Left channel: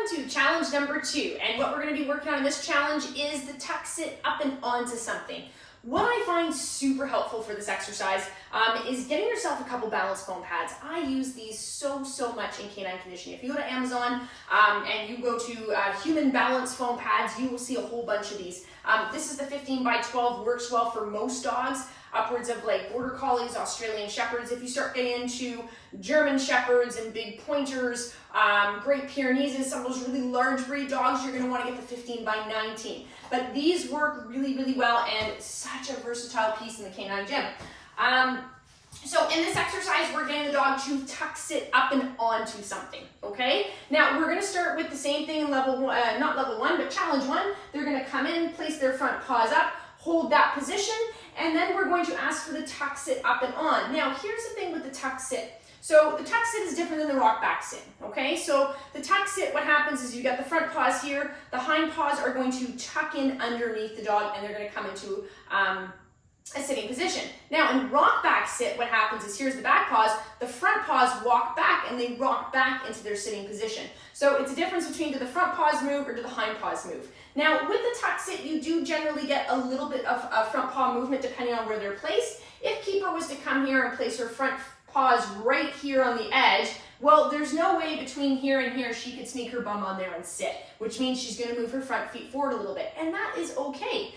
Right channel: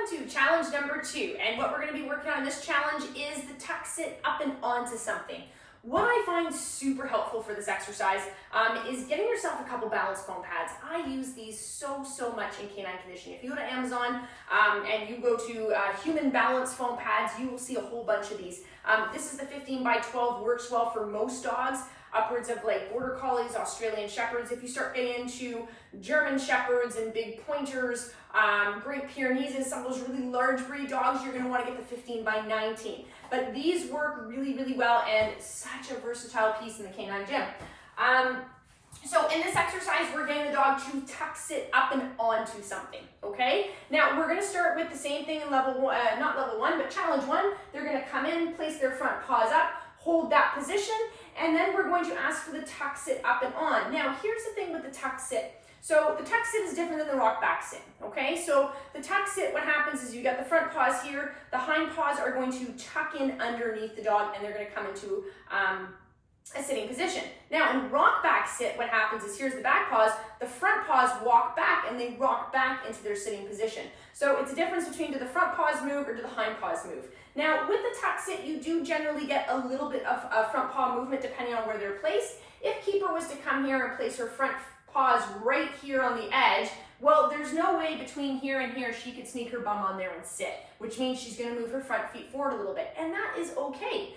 Welcome to challenge number 2, and what we're going to be working on in this challenge is the tuck sit up and onto something. What I find super helpful for this exercise is getting yourself a couple balance foam pads. I use these so much in canine conditioning. If you go to Amazon and you go to human balance foam pads, you will see a whole bunch of these. This is the 15 by 12, works well for most dogs, upwards of like Border Collies, Australian Shepherds. If you start getting into German Shepherds and big pointers, Great Pyrenees, some of those really large breed dogs, you're going to want to get the 15 by 19. But these work really well, and such a versatile piece in the canine gym. So in this exercise, we're getting the dog to tuck sit up and onto something, okay? Now, we're gonna start with the same thing in level one, not level 1, but challenge 1. They're gonna come in, place their front paws up, hold that position, and then we're going to ask for the tuck sit up and on. Now, here's the thing with the tuck sit. So the tuck sit is different than the rock back sit, okay? So the tuck sit, what happens is you got the front paws here, the hind paws are going to tuck in underneath the dog, and they're gonna come into a sitting position. Now in rock back sit, what happens is here's the back paws, the front paws walk back and they rock back into their sitting position. So it's a difference between do the front paws move or do the hind paws move. Now with the tuck sit, you do generally get a little bit of front paw movement depending on where they're placed. If Keeper was to come here and place her front paws right here on the edge, well, there's no way between here and here she could sneak her bum on there and sit, which means she's gonna move her front feet forward a little bit, and that is okay.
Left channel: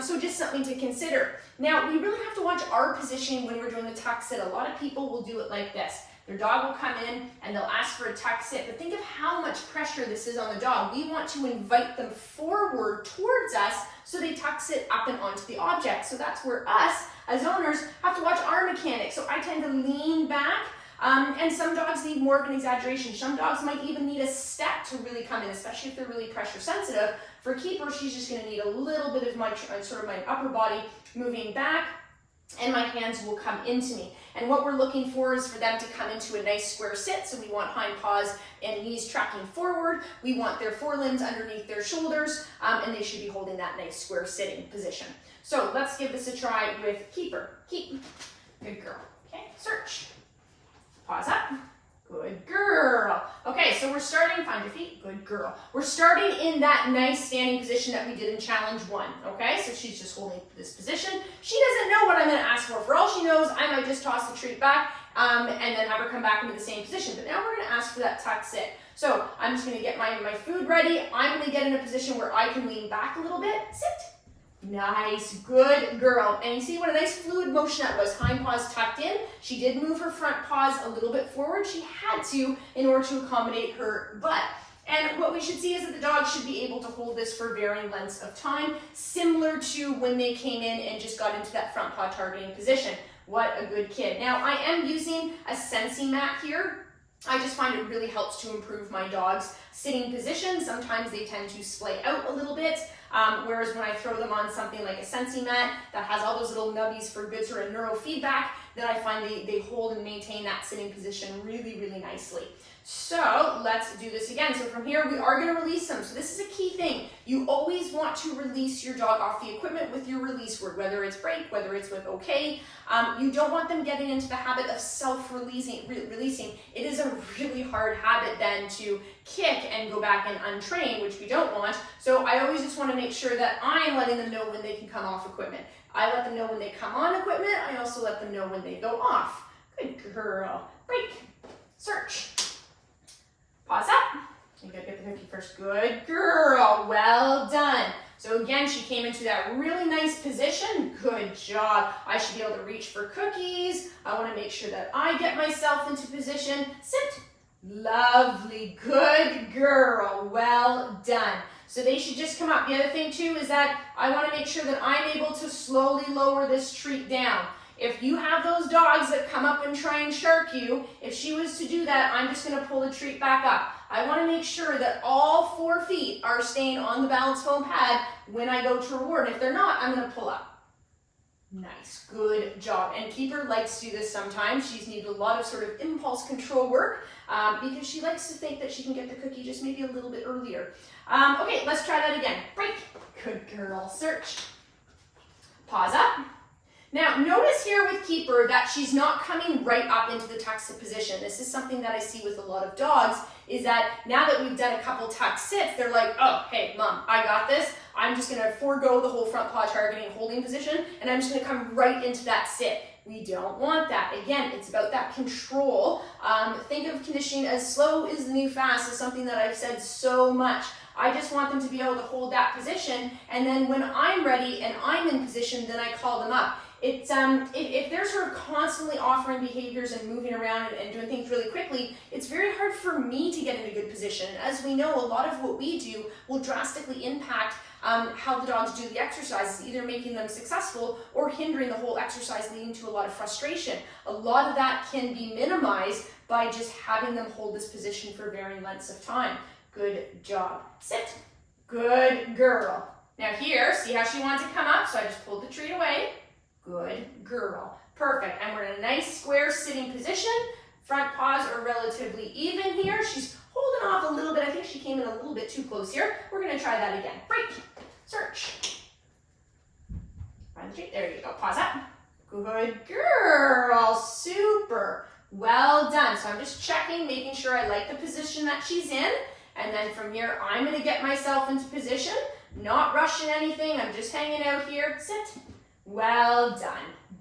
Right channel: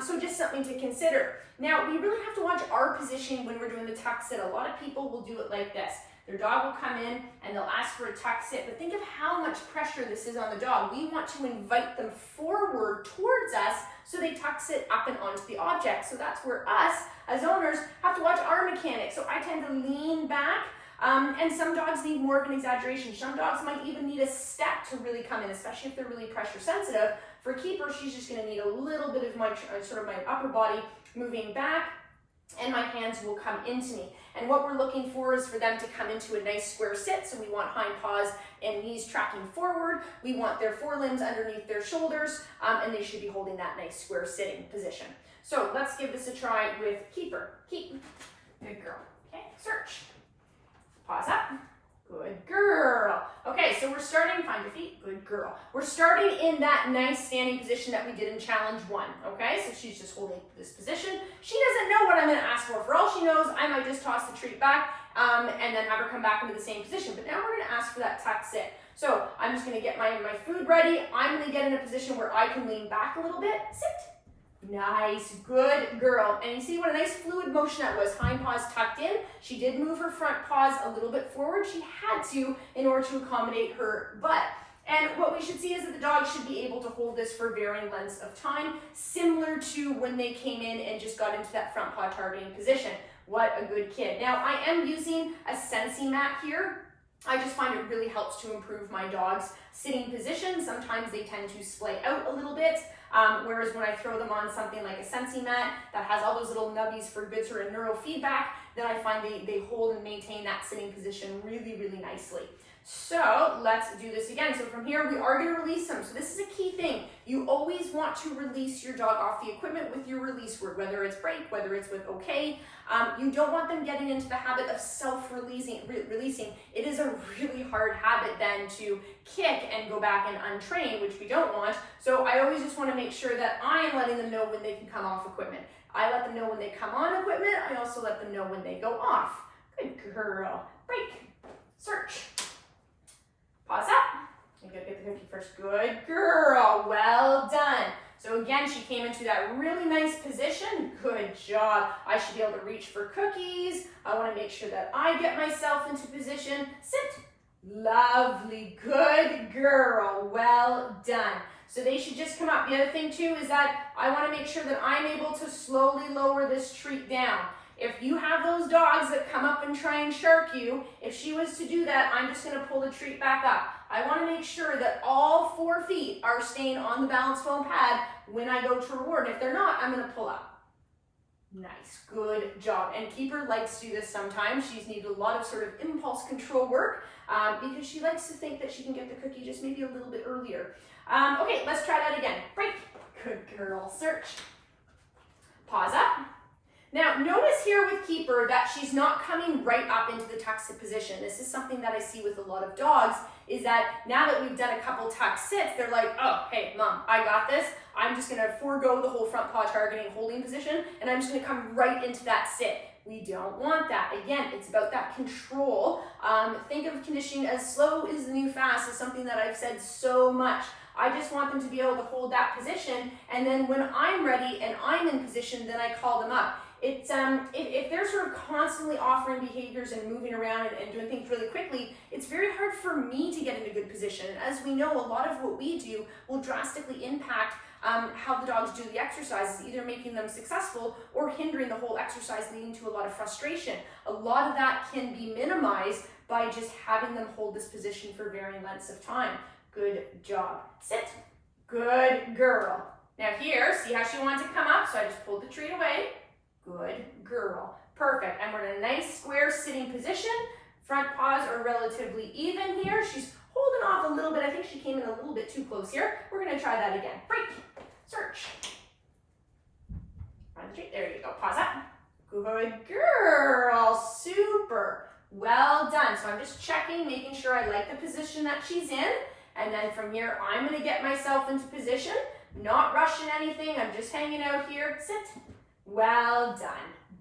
So just something to consider. Now, we really have to watch our positioning when we're doing the tuck sit. A lot of people will do it like this. Their dog will come in and they'll ask for a tuck sit, but think of how much pressure this is on the dog. We want to invite them forward towards us so they tuck sit up and onto the object. So that's where us, as owners, have to watch our mechanics. So I tend to lean back, and some dogs need more of an exaggeration. Some dogs might even need a step to really come in, especially if they're really pressure sensitive. For Keeper, she's just gonna need a little bit of my upper body moving back, and my hands will come into me. And what we're looking for is for them to come into a nice square sit. So we want hind paws and knees tracking forward. We want their forelimbs underneath their shoulders, and they should be holding that nice square sitting position. So let's give this a try with Keeper. Keep, good girl. Okay, search. Paws up. Good girl. Okay, so we're starting, find your feet, good girl. We're starting in that nice standing position that we did in challenge 1, okay? So she's just holding this position. She doesn't know what I'm gonna ask for. For all she knows, I might just toss the treat back and then have her come back into the same position. But now we're gonna ask for that tuck sit. So I'm just gonna get my food ready. I'm gonna get in a position where I can lean back a little bit. Sit. Nice, good girl. And you see what a nice fluid motion that was. Hind paws tucked in. She did move her front paws a little bit forward. She had to in order to accommodate her butt. And what we should see is that the dog should be able to hold this for varying lengths of time, similar to when they came in and just got into that front paw targeting position. What a good kid. Now I am using a Sensi mat here. I just find it really helps to improve my dog's sitting position. Sometimes they tend to splay out a little bit. Whereas when I throw them on something like a Sensi mat that has all those little nubbies for good sort of neurofeedback, then I find they hold and maintain that sitting position really nicely. So let's do this again. So from here, we are going to release them. So this is a key thing. You always want to release your dog off the equipment with your release word, whether it's break, whether it's with okay. You don't want them getting into the habit of self-releasing. It is a really hard habit then to kick and go back and untrain, which we don't want. So I always just want to make sure that I am letting them know when they can come off equipment. I let them know when they come on equipment. I also let them know when they go off. Good girl. Break. Search. Paws up. You gotta get the cookie first. Good girl. Well done. So again, she came into that really nice position. Good job. I should be able to reach for cookies. I want to make sure that I get myself into position. Sit. Lovely. Good girl. Well done. So they should just come up. The other thing too is that I want to make sure that I'm able to slowly lower this treat down. If you have those dogs that come up and try and shark you, if she was to do that, I'm just going to pull the treat back up. I want to make sure that all 4 feet are staying on the balance foam pad when I go to reward. And if they're not, I'm going to pull up. Nice, good job. And Keeper likes to do this sometimes. She's needed a lot of sort of impulse control work because she likes to think that she can get the cookie just maybe a little bit earlier. Okay, let's try that again. Break. Good girl. Search. Paws up. Now, notice here with Keeper that she's not coming right up into the tuck sit position. This is something that I see with a lot of dogs, is that now that we've done a couple tuck sits, they're like, oh, hey, mom, I got this. I'm just gonna forego the whole front paw targeting holding position, and I'm just gonna come right into that sit. We don't want that. Again, it's about that control. Think of conditioning as slow is the new fast is something that I've said so much. I just want them to be able to hold that position, and then when I'm ready and I'm in position, then I call them up. It's if they're sort of constantly offering behaviors and moving around and doing things really quickly, it's very hard for me to get in a good position. And as we know, a lot of what we do will drastically impact how the dogs do the exercises, either making them successful or hindering the whole exercise, leading to a lot of frustration. A lot of that can be minimized by just having them hold this position for varying lengths of time. Good job. Sit. Good girl. Now here, see how she wants to come up? So I just pulled the treat away. Good girl. Perfect. And we're in a nice square sitting position. Front paws are relatively even here. She's holding off a little bit. I think she came in a little bit too close here. We're going to try that again. Break. Search. Find the treat. There you go. Pause up. Good girl. Super. Well done. So I'm just checking, making sure I like the position that she's in. And then from here, I'm going to get myself into position. Not rushing anything. I'm just hanging out here. Sit. Well done.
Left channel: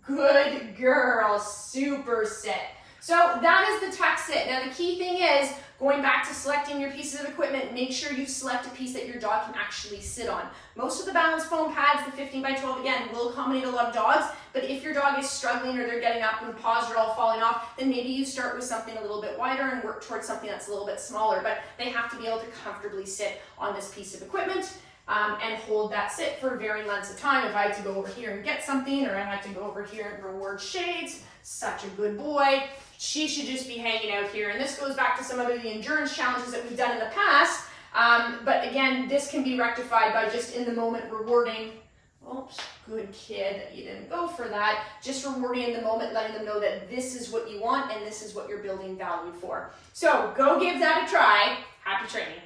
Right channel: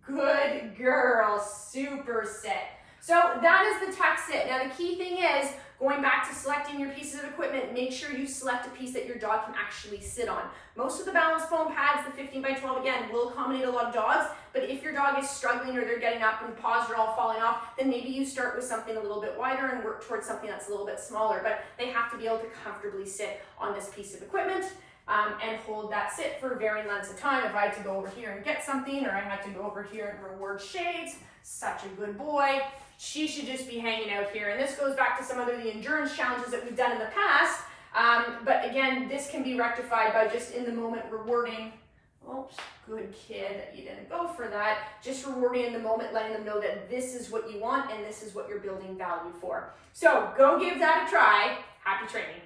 Good girl. Super sit. So that is the tuck sit. Now the key thing is, going back to selecting your pieces of equipment, make sure you select a piece that your dog can actually sit on. Most of the balance foam pads, the 15 by 12, again, will accommodate a lot of dogs, but if your dog is struggling or they're getting up and paws are all falling off, then maybe you start with something a little bit wider and work towards something that's a little bit smaller, but they have to be able to comfortably sit on this piece of equipment. And hold that sit for varying lengths of time. If I had to go over here and get something, or I had to go over here and reward Shades, such a good boy, she should just be hanging out here. And this goes back to some of the endurance challenges that we've done in the past. But again, this can be rectified by just in the moment rewarding. Oops, good kid, you didn't go for that. Just rewarding in the moment, letting them know that this is what you want and this is what you're building value for. So go give that a try. Happy training.